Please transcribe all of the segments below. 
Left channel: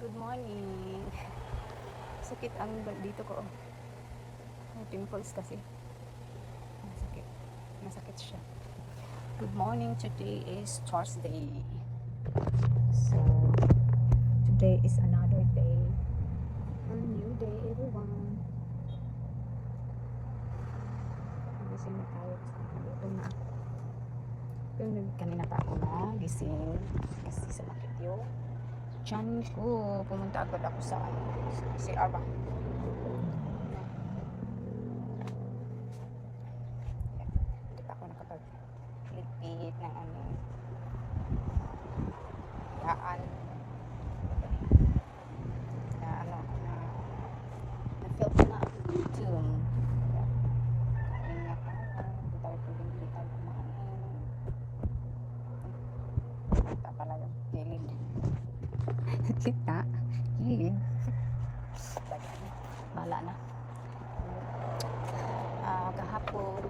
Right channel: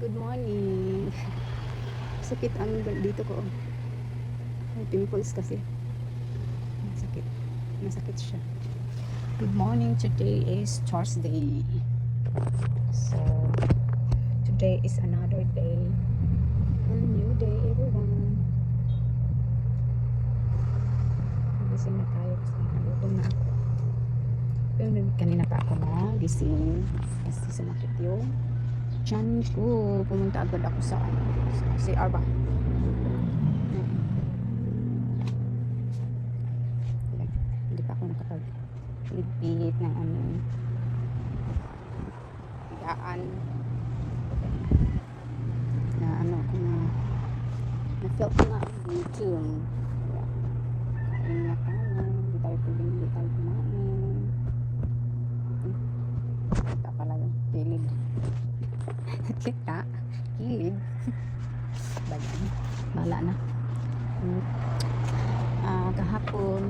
Good morning. Sakit ang dito ko. May pimples kasi. Masakit. Masakit siya. Good morning. Today is Thursday. So, today is another day. A new day, everyone. Gising na tayo kasi nagutom na ako. Pero kanina pa ako na gising kasi sumakit yung tiyan ko. Pumunta agad ako sa CR ba? Yan. Hindi pa ako nakapag-pilit ng higaan na feel ko na ang gutom. Kain na tayo. Hindi tayo kumain. Kita pala yung kilid. Kita? Kilid? Bayan. Bala na. Kahapon,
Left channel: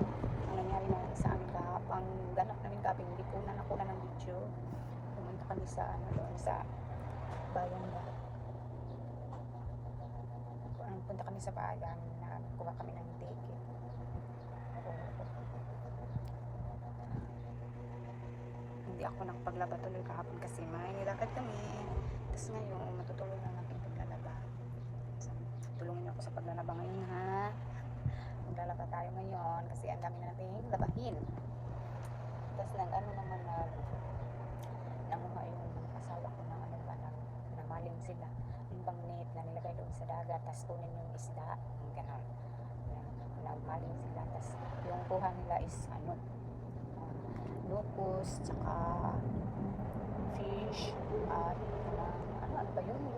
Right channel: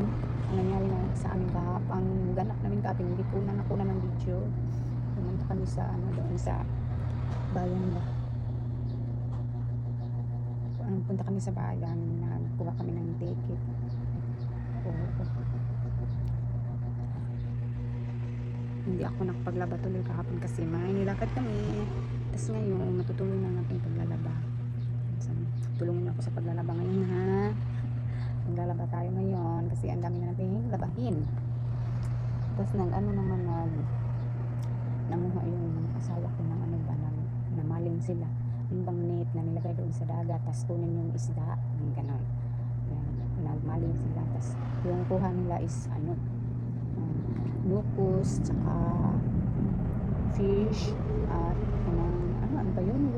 ang nangyari lang sa amin kahapon, ang ganap namin kahapon, hindi ko na nakuna ng video. Pumunta kami sa doon sa bayan ba. Punta kami sa bayan, nagkuha kami ng ticket. Hindi ako nakapaglaba tuloy kahapon kasi may nilakad kami. Tapos ngayon, matutuloy na natin paglalaba. So, tulungan ako sa paglalaba ngayon ha. Maglalaba tayo ngayon kasi ang dami na natin labahin. Tapos namuha yung asawa ko ng namalim sila. Yung bang net na nilagay doon sa dagat, tapos kunin yung isda, yung ganon. Nagmalim sila, tapos yung kuha nila is locust, tsaka fish, at ano ba yun,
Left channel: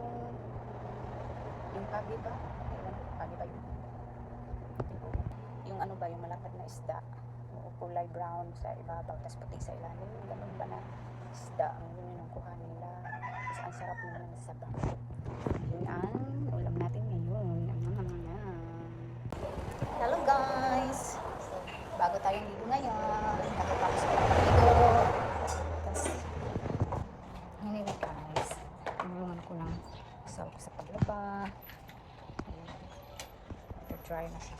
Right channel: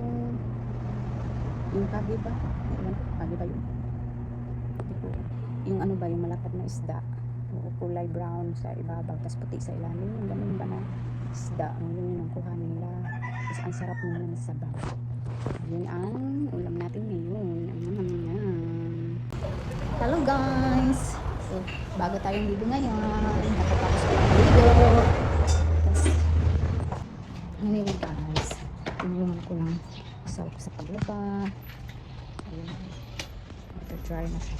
yung kagi ba? Kagi ba yun? Yung yung malapad na isda, kulay brown sa ibabaw, tapos puti sa ilalim, yung ganun ba na isda, yun yung kuha nila. Tapos ang sarap naman sa sabaw. Yun ang ulam natin ngayon. Hello guys! So, bago tayong dito ngayon, nakatapos ko lang dito. Tapos, anyway guys, tinulungan ko lang asawa ko sa paglaba. Ayun, mag-dry na siya.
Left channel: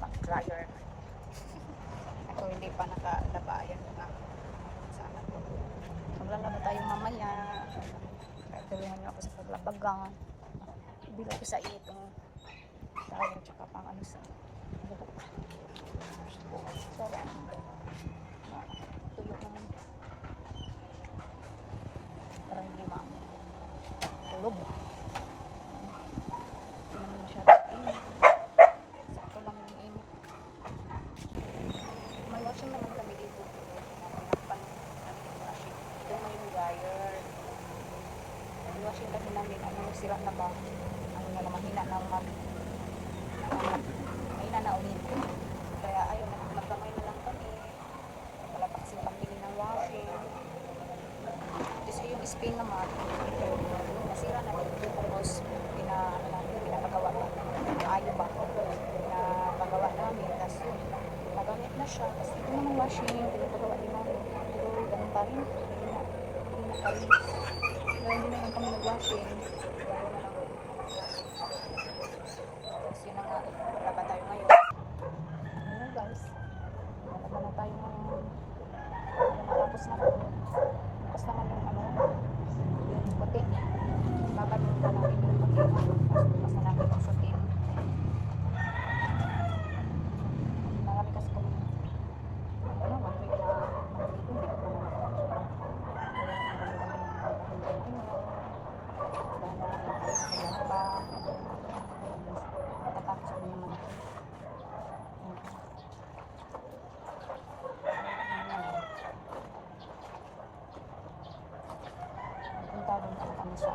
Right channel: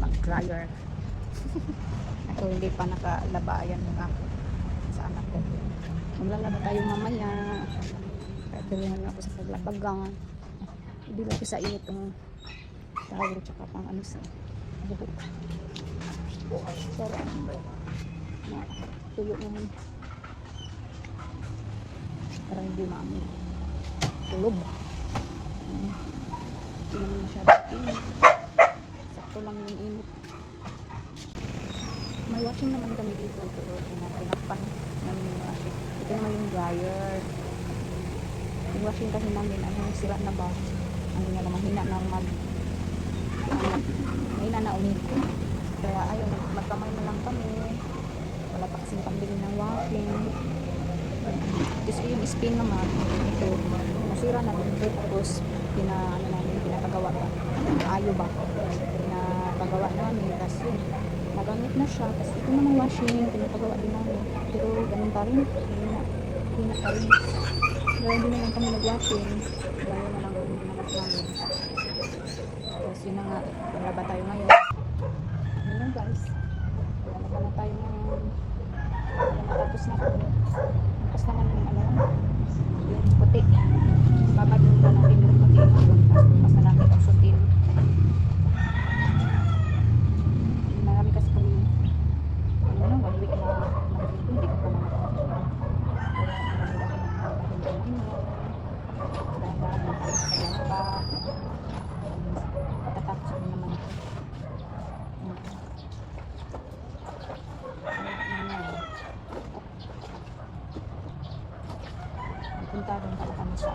Mag-dryer. Ako hindi pa nakalaba. Ayan mga sa anak ko. Maglalaba tayo mamaya. Kaya tulungan niyo ako sa paglabagan. Ibila ko sa itong towel tsaka pang sa buhok. Para tuyo naman. Para hindi maamoy. Tulog. Hindi naman masyadong init. Sakto lang yung init. May washing naman kami dito. Pero pinakpan namin yung washing. Ito naman yung dryer. Yung washing kasi namin, sira na ba? Mahina na mahina na ulit. Kaya ayun, magkamay na lang kami. Wala pa kasing pambili ng washing. Tapos yung spin naman, ito, nasira na ito. Tapos, pinapagawa pa. Ayo ba? Pinapagawa namin. Tapos yun, nagamit na siya. Tapos ito naman washing, pinapagawa din namin. Pero ganun pa rin. Hina pa rin. Dahil hindi na lang kami nag-washing. Dahil na lang kami nag-washing. Tapos yun na nga, paglaba tayo ngayon. Yun lang guys. Paglaba na tayo ngayon. Matapos na po. Tapos naman yung puti. Babadun na natin yung puti. Tapos na natin ang sutin. Marami kasi kami one week na hindi ko pa na nakakasya. Punta doon pala kami sa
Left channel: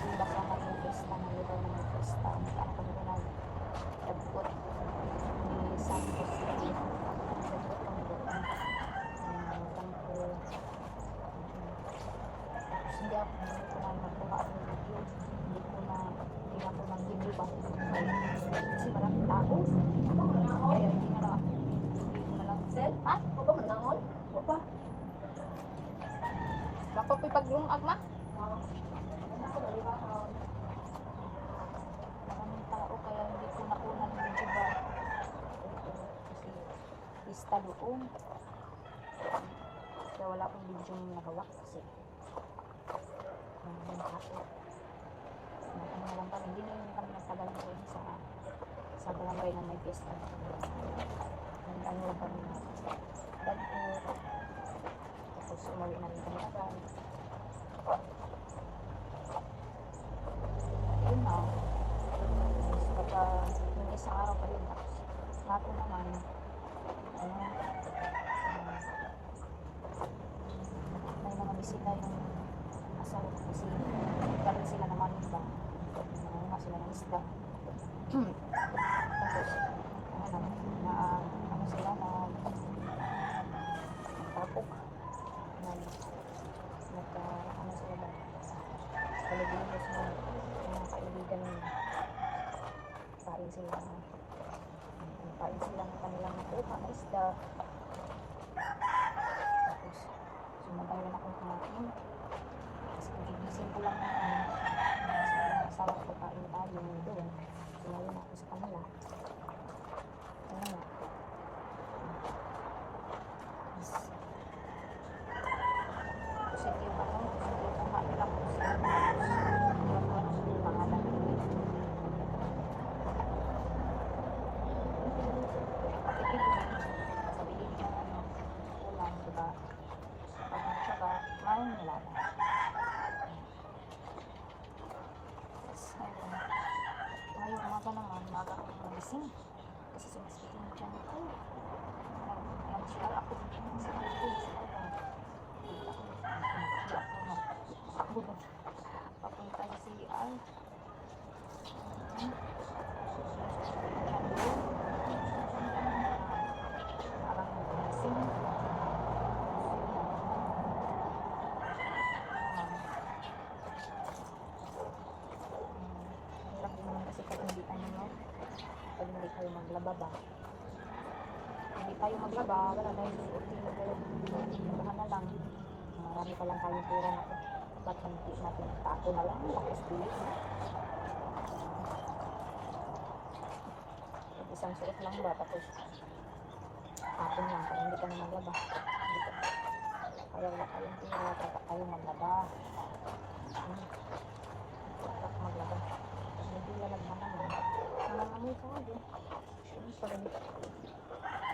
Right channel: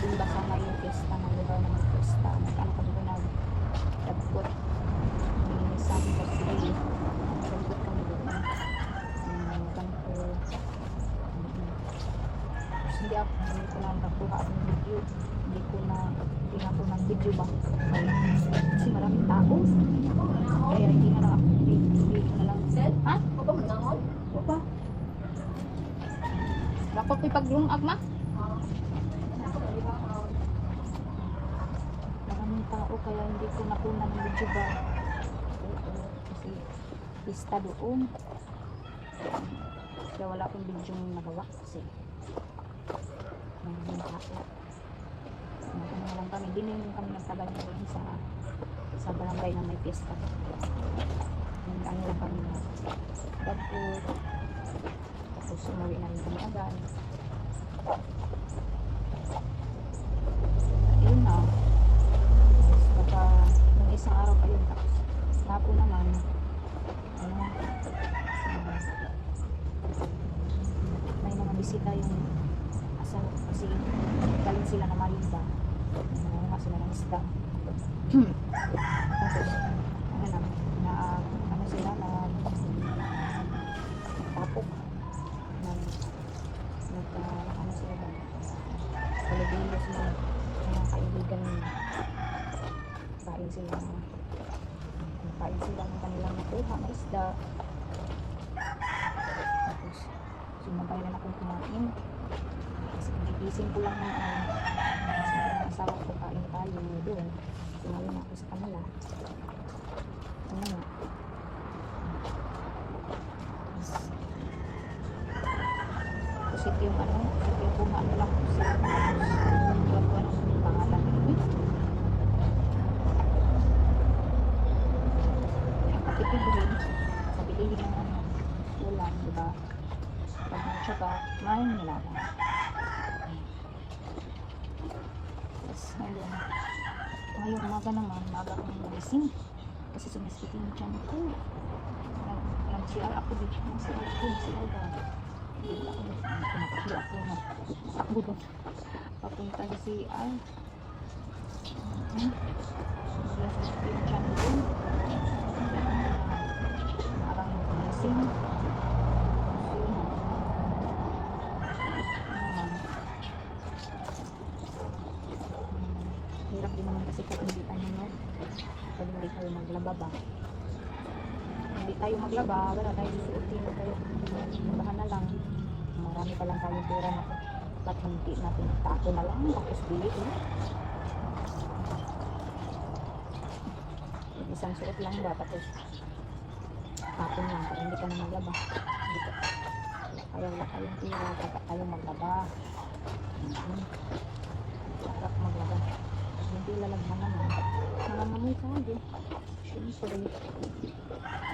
Dimba sa may fiesta na lugar na may fiesta. Kami doon nagdagpot San Jose. Nagdagpot kami doon hindi ko na nakuha ng video. Hindi ako ng video ba kasi maraming tao, kaya hindi na lang ako hindi na lang ha? Ba? Ako paglungag ma. Maraming tao kaya hindi ko nakuna ng video ba. Oo, kasi pista doon. Kaya wala akong video nagawa kasi maraming tao. Maganda lang kami. Hindi na kami nagtagal doon sa barangay na may pista. Ano lang kami na dagpo. Tapos umuwi namin kami agad. Ayun na. Baka yung isang araw pa yun. Tapos hapon naman ano may mga bisita yung asawa kasi galing sila na Malinda. Nangunga sila ng isda. Tapos ano sila na tapok ano sila ba palibilo sila mga kaibigan kain sila ng kanilang nakuha na isda. Tapos sumabay rin akong kumain kasi gigising ko lang ng asawa ko kain tayo doon. Sumali na ako sa kanila. Ano nga yung kuha nila ko sila tapos ko ang pangalan ang katipid sa bilihin ng ulam, diba? Pag nagsaka may nilala yes, ngayong umaga naman umaga akong magising kasi sumiskitin yung tiyan ko nag-CR ako dito nag-CR daw kumakaklo ako makakbo doon papunta sa CR bigla sa pinchan ko parang kumising hirap din naman kasi pag hindi tayo maglaba ba hindi tayo maglaba wala tayo suotin tayo labahan na lang marami pa lang tayong pera na dapat hindi natin tapo na lang tapos bili isang suot lang ba tapos tapon lang para hindi ka na maglaba wala tayong pera dapat tayo maglaba dapat maglaba pag hindi lalagman naman nangangamoy tayo syempre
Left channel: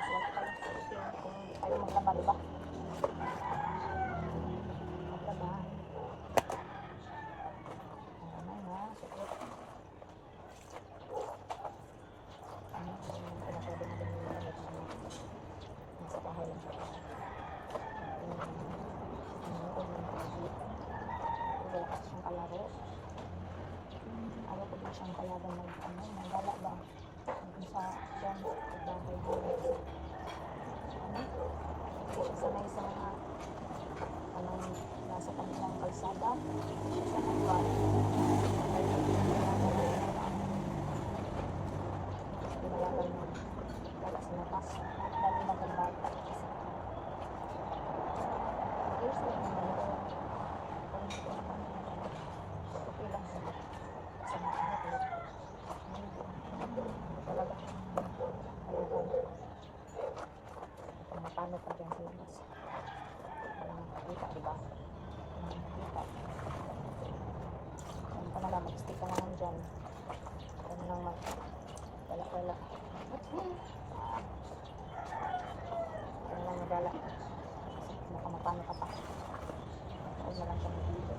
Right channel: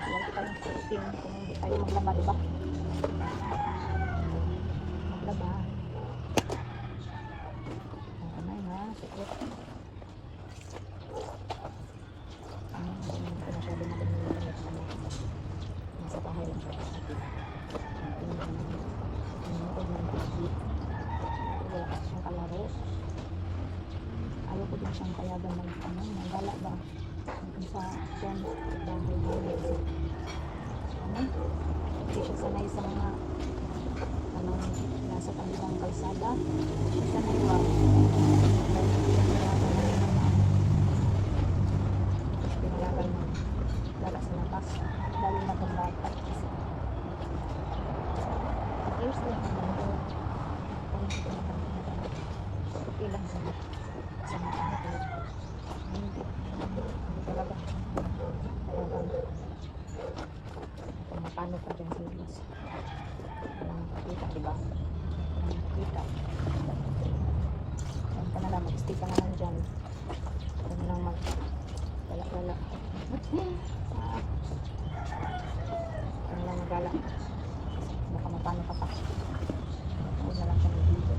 wala tayong suotin kung hindi tayo maglaba, diba? Maglaba maramay na suot nasa bahay lang siya wala kasi siyang kalaro ayaw ko din siyang payagan ng gala ba sa dyan bahay hindi siya sanay sa mga nasa kabilang kalsada sanay ba pinayagan ng wala sa labas lalo na kang bata years lang naman okay lang sa mga anak hindi talaga kung mapano pa dyan serious makikita diba makikita yan ka na lang mag-stick ka na lang dyan yan lang wala ka na lang magala baka mapano ka pa huwag na lang siya mag-video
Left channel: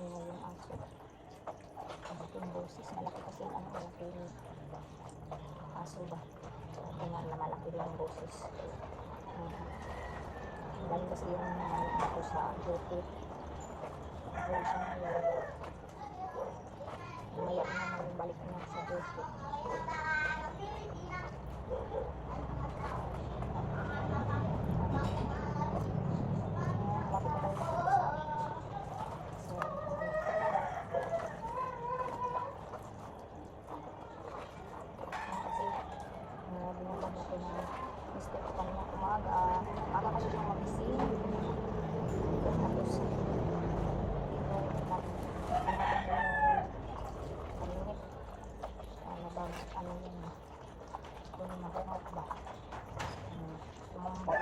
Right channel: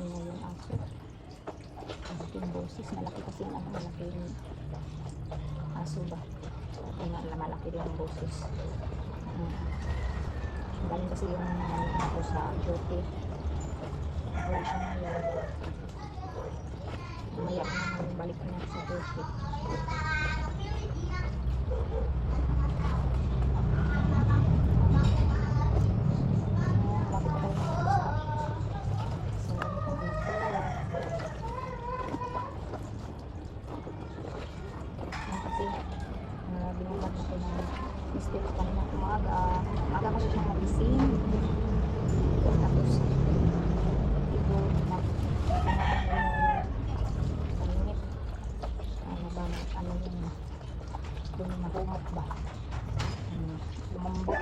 yung aso malaking boses malaki kasi yung malaking aso ba kaya nga malaki din yung boses Malayo kasi yung ako sa duty. Ako siya ngayon. Mamaya na naman balik niya sa duty. Binabad na ko ng mistake kanina umaga. Umaga kasi siyang magising. Tapos, ito na pinabad na yung paminit. Ano ba, ano yung nahumot ba? Lumambot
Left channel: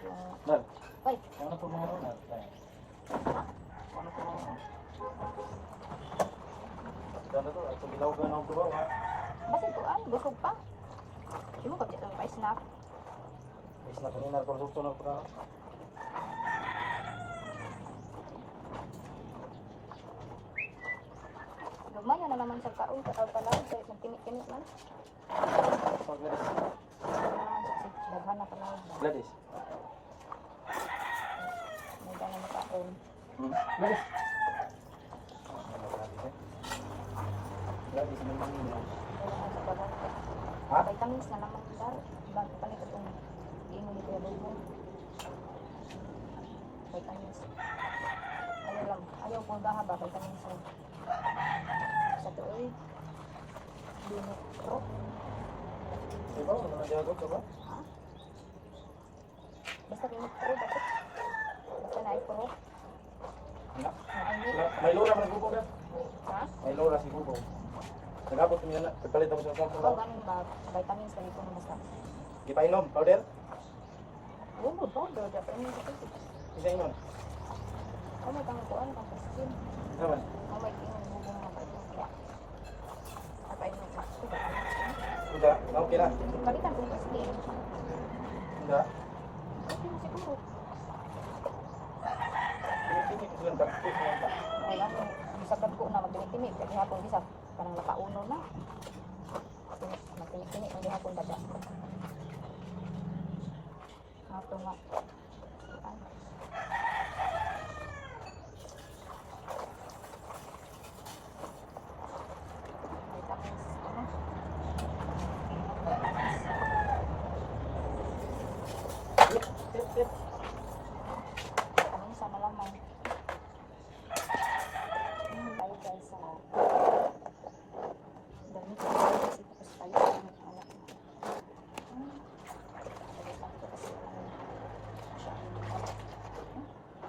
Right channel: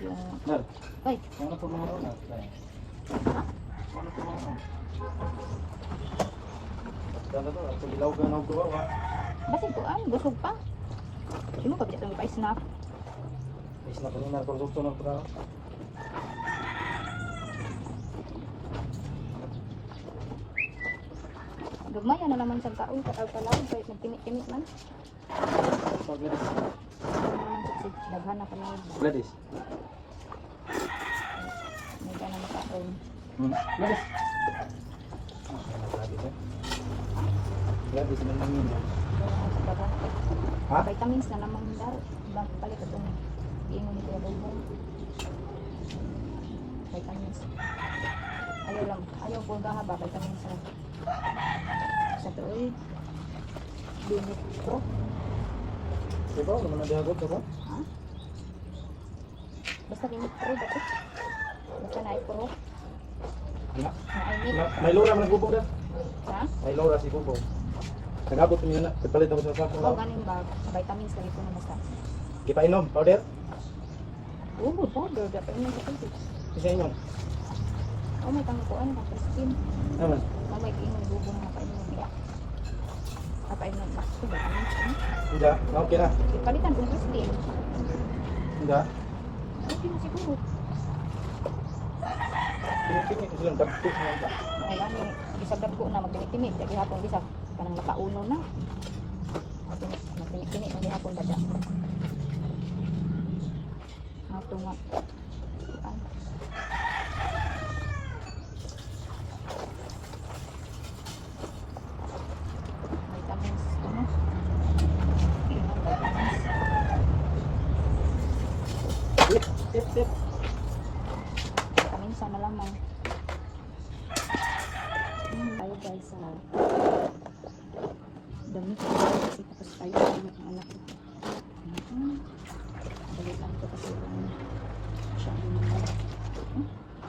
yung... Nel, Ay! ano po mga ron? Ha? Ano po mga ron? Dala to, at ilaw ka na ugawa ba? Basig ko, ay, busog pa. Sino ka bisa itong ipa-snack? Is na kanina, produkto na pala. Gumaya na naman sa kaon, kakal-kalaw, kahit nagtimit-timit man. Pag Gladys. Ano naman sa daghan na kalaw. Gladys. May gana makaon. Gladys. Gladys eh. Gladys naman yun yan. Gana sa daghan. Ha? Vitamins na naman daw. Bang palit itong iinom ni Kuya Bulbul. Vitamins. Ayaw lang. Ayaw po gahaba. Vitamins lang. Sa tuloy. Binit pro. Diba? Naman ang dihagod ka ba? Ha? Basta binit pro. Bakit? Basta na pro. Na. Na-init. May lura man nagbubog na. Ha? May lura si Bubog. Nagabot niya na. Pagpalit ako sa sapo. Oo, ganing ba? Vitamins lagi ko na basta. Di pa inom, powder? Oo, powder. Dapat yun sa tubig. Isa inom. Oh, may pangkuan ka sa skin. Naman. Oh, may kiing nabubong na painom niya. Painom na. Ito, vitamins. Hindi. Okay na. Ipalitan kung slim. Hindi. Okay na siguro. Pinipin ko silang dagpit mo ba? Ay, gani. Bisagdag ko na magtinit-tinit. Jadi hapon bisa. Kanang nakauno na. Magtinit-tinit. Hindi hapon bada. Ito nga. Ay. Vitamins. Ano? Vitamins. Sip. Vitamins na lamang. Tayo guys sa damit kasi tapos tayo sa anak ko. Balitan ko kasi siya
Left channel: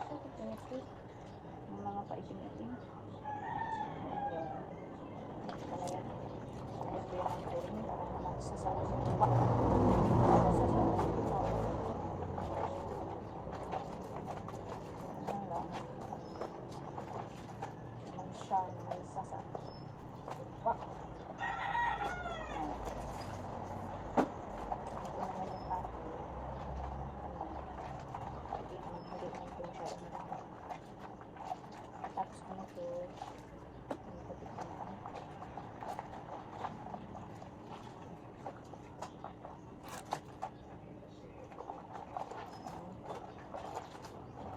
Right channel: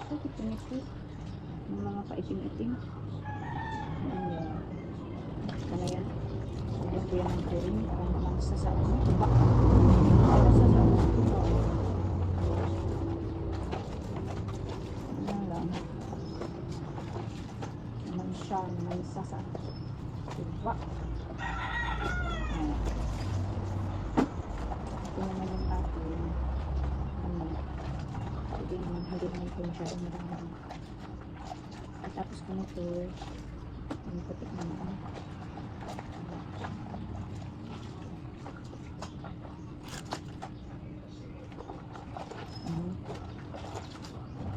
bakit pinito ng mga paitim-itim. Ayan. Kaya yan. Ayan ko yan ng chlorine para naman sa tuba. Para sa tuba. Ayan lang. Naman siya, naman sa tuba. Ayan. Ito naman yung ating hindi naman ito masyadong marami. At tapos ko na ito yung putik na naman.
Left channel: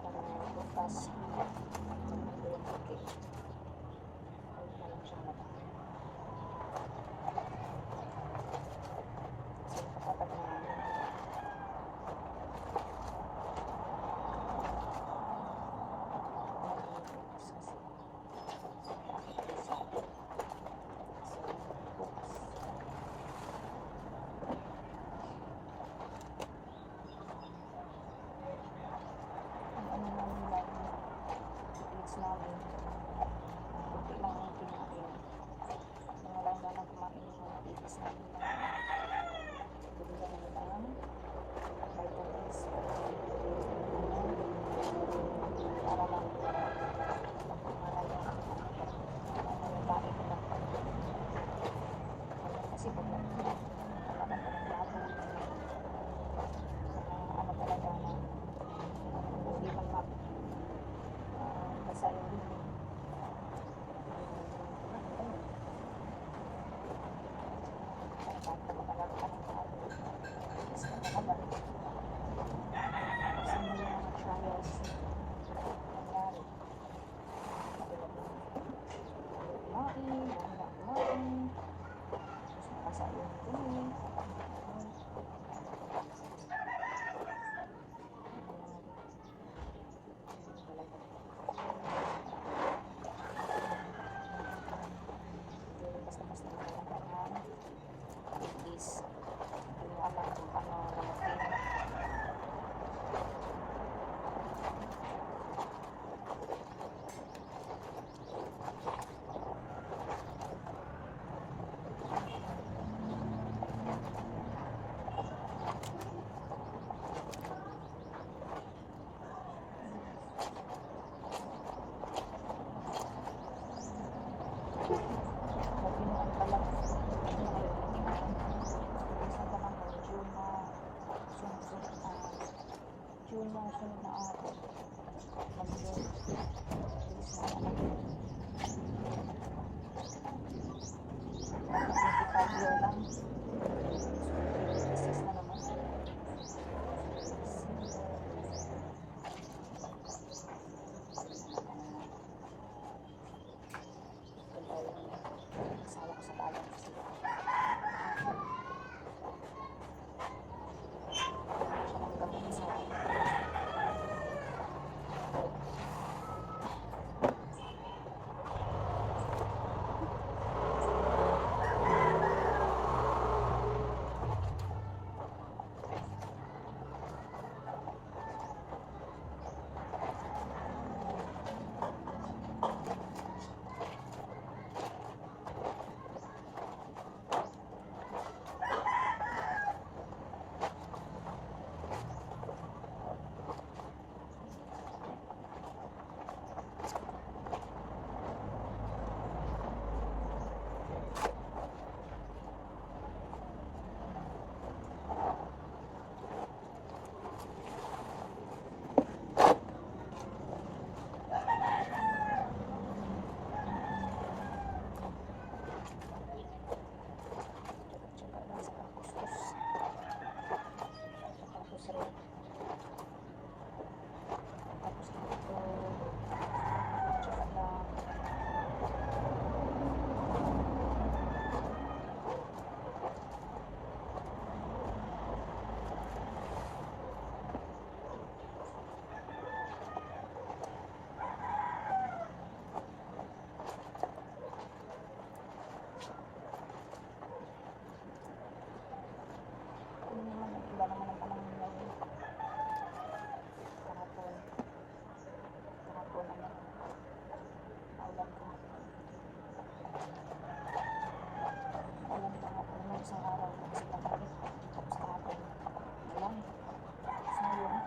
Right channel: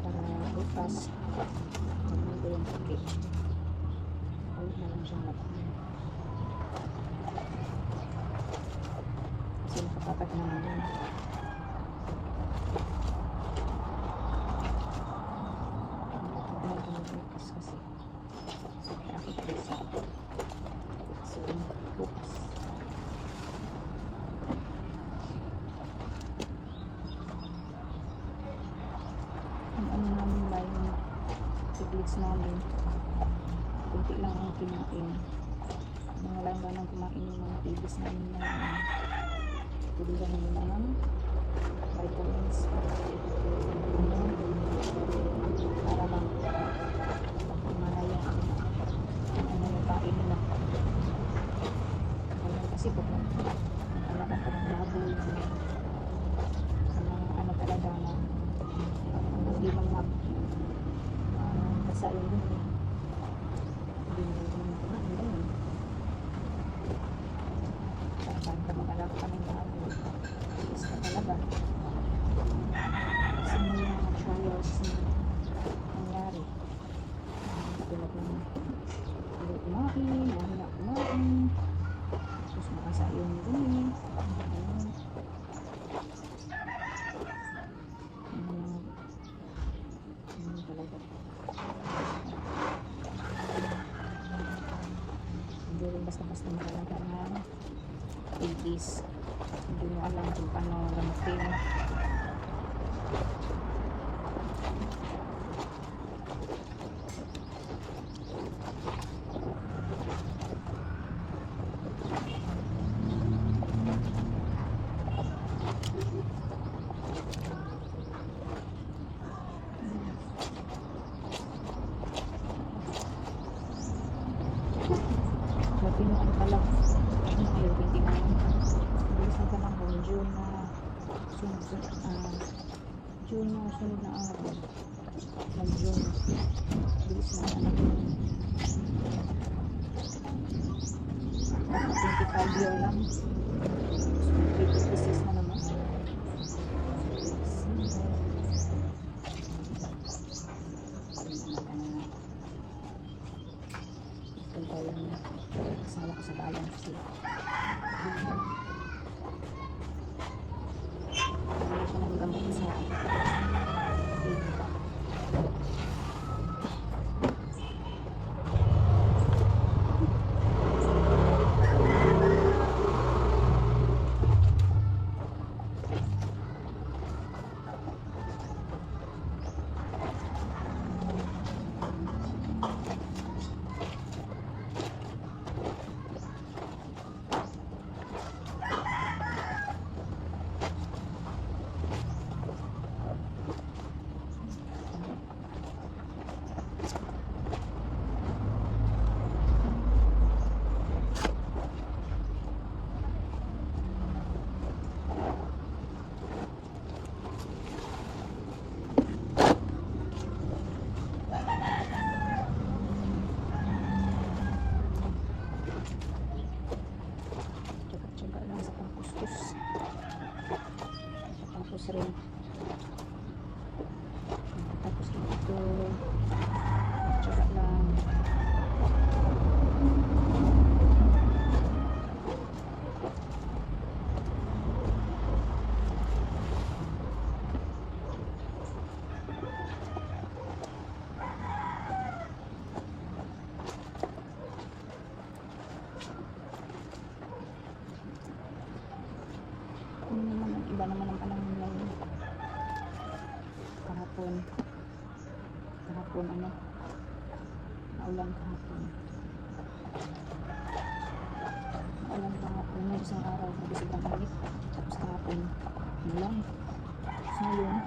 Para bukas maganda ko yung putik. Palit na lang siyang lataan. Kasi nakatapat naman yun. Bukas kasi so traffic sa so bukas ang ano namin ba yung siblings namin kunti lang ang kinain mga lang ganang kumain yung mga babies namin na tuligan namin ng vitamins para bang mana yung ano yung kain nila kasi po talagang po ng baboy ano talaga na hindi man basa yung dumi hindi man kumain ganun saan ka mag-alap ka ng baboy is ka talaga basta-basta magalaga ng babies. Hindi mo alam kung paano gamutin. Pinuan pala. Ano na kayo, 29. Bilisan ka lang kung June na June na sunod na araw. Mag-June. Bilis na anak. Dapat 25 year lang. So, 56 na naman. Punta lang na. Kasama ko sa bayan kasi wala siya ng gamot sa tsaga-tsaga lang sa pangkuskus. Tapos rin tapos rin ito tsaga lang. Iba naman ang panahon ngayon. Kahapon ano, naulan kahapon. Naulan kahapon, nung isang araw, nabisig ang init. Tapos kahapon, ulan. Tapos ngayon,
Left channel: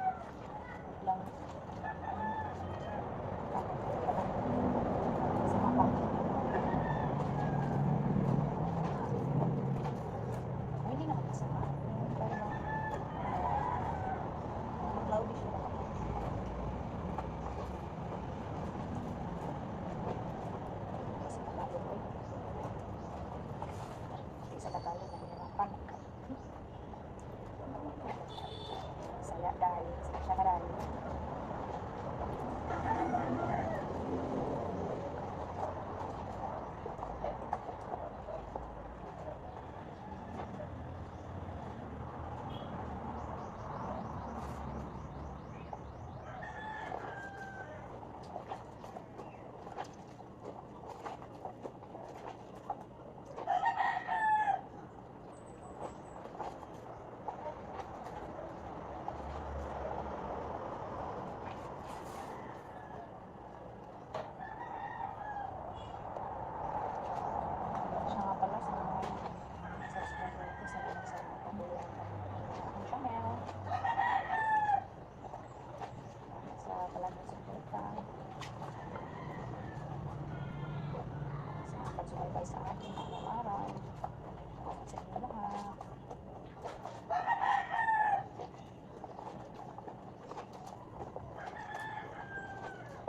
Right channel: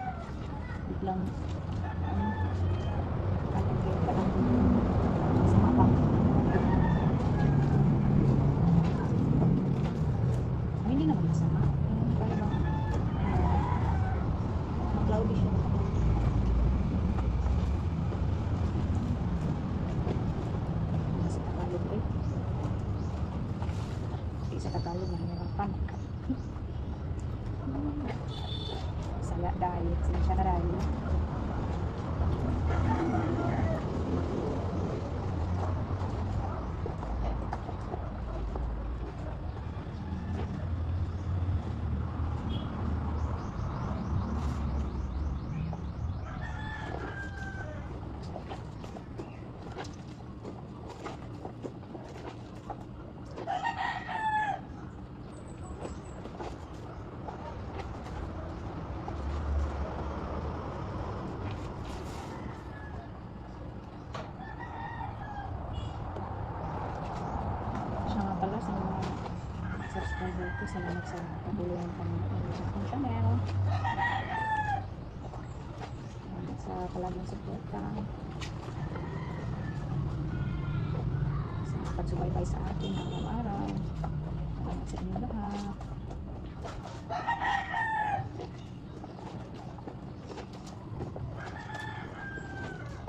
biglang, parang kayo parang sa mapa. Hindi naman masama. Parang cloudy siya na kapag sa Tagalog eh. Hindi sa Tagalog nahihirapan. Saya dahil sila siya karali. Pala sa mga subscriber ko, salamat sa patuloy ng panonood sa aking channel. Salamat sa palaging suporta, sa pagsubaybay sa akin araw-araw. Salamat sa inyo lahat.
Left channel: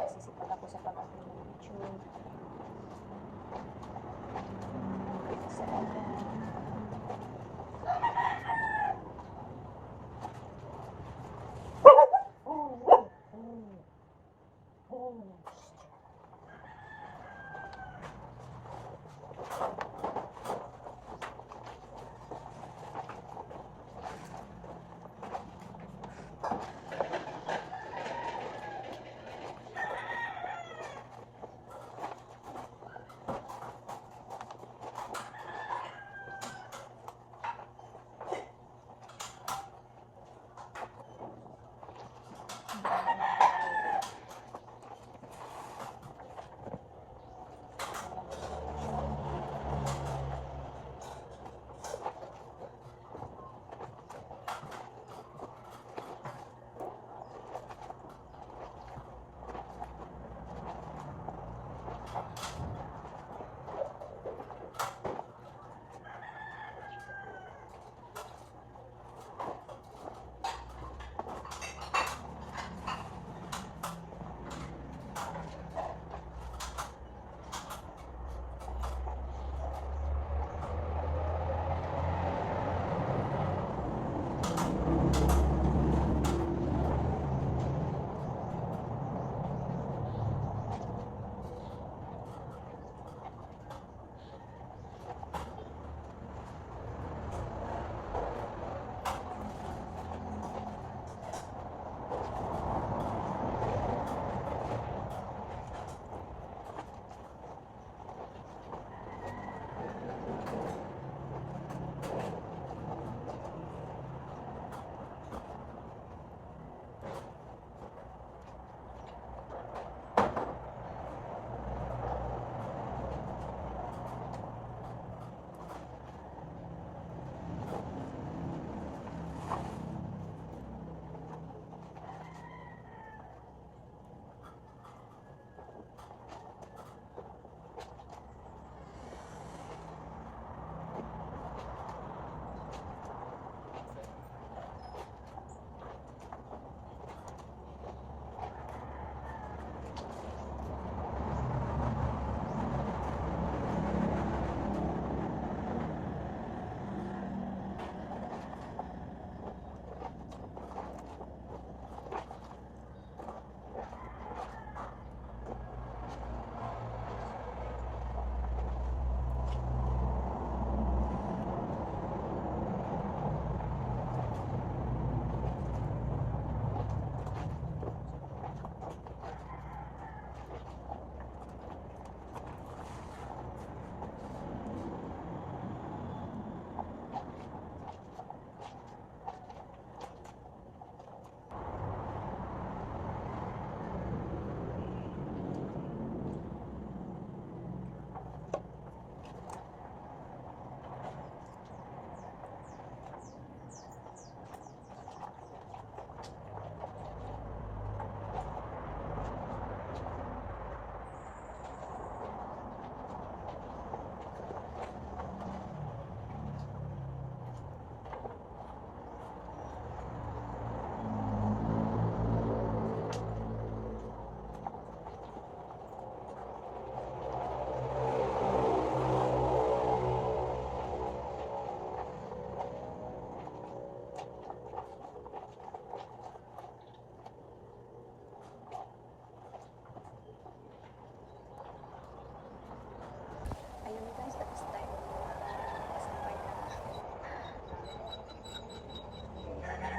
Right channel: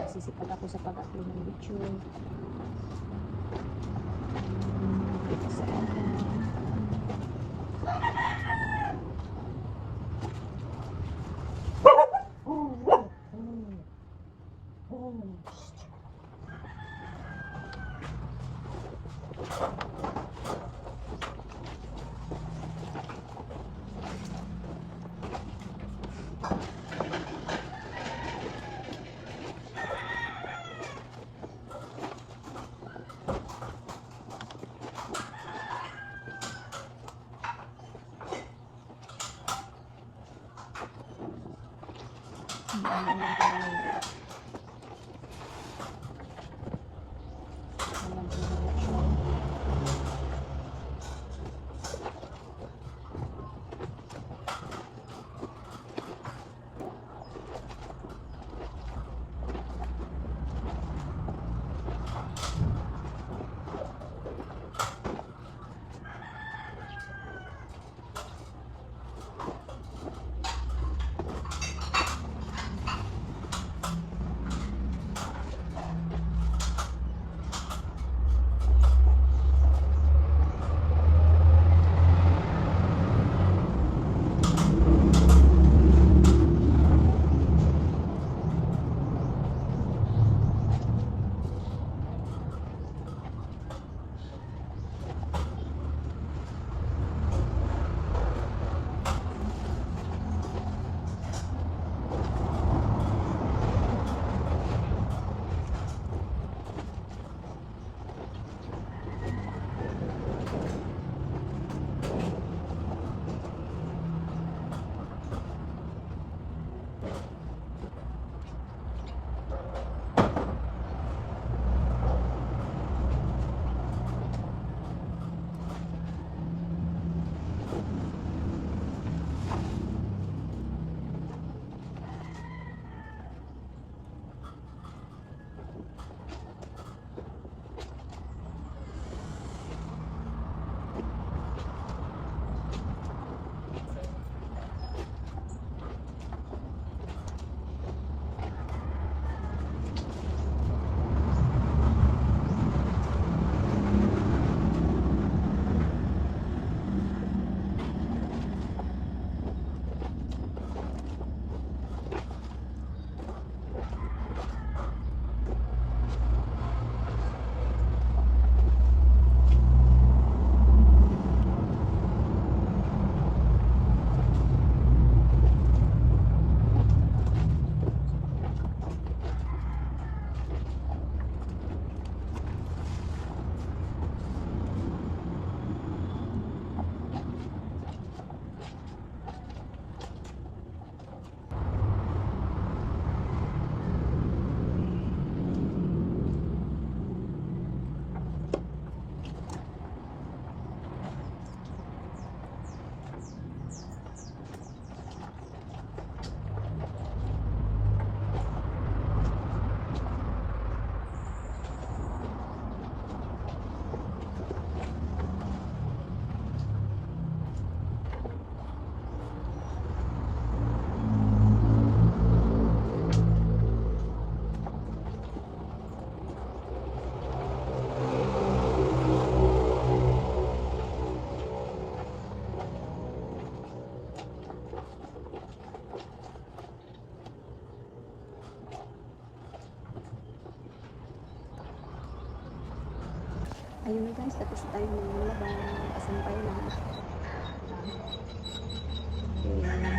Sisipag ako sa pag-upload ng video. Sa Ayun guys, tapos tayo maglaba. Kasampay na. Okay,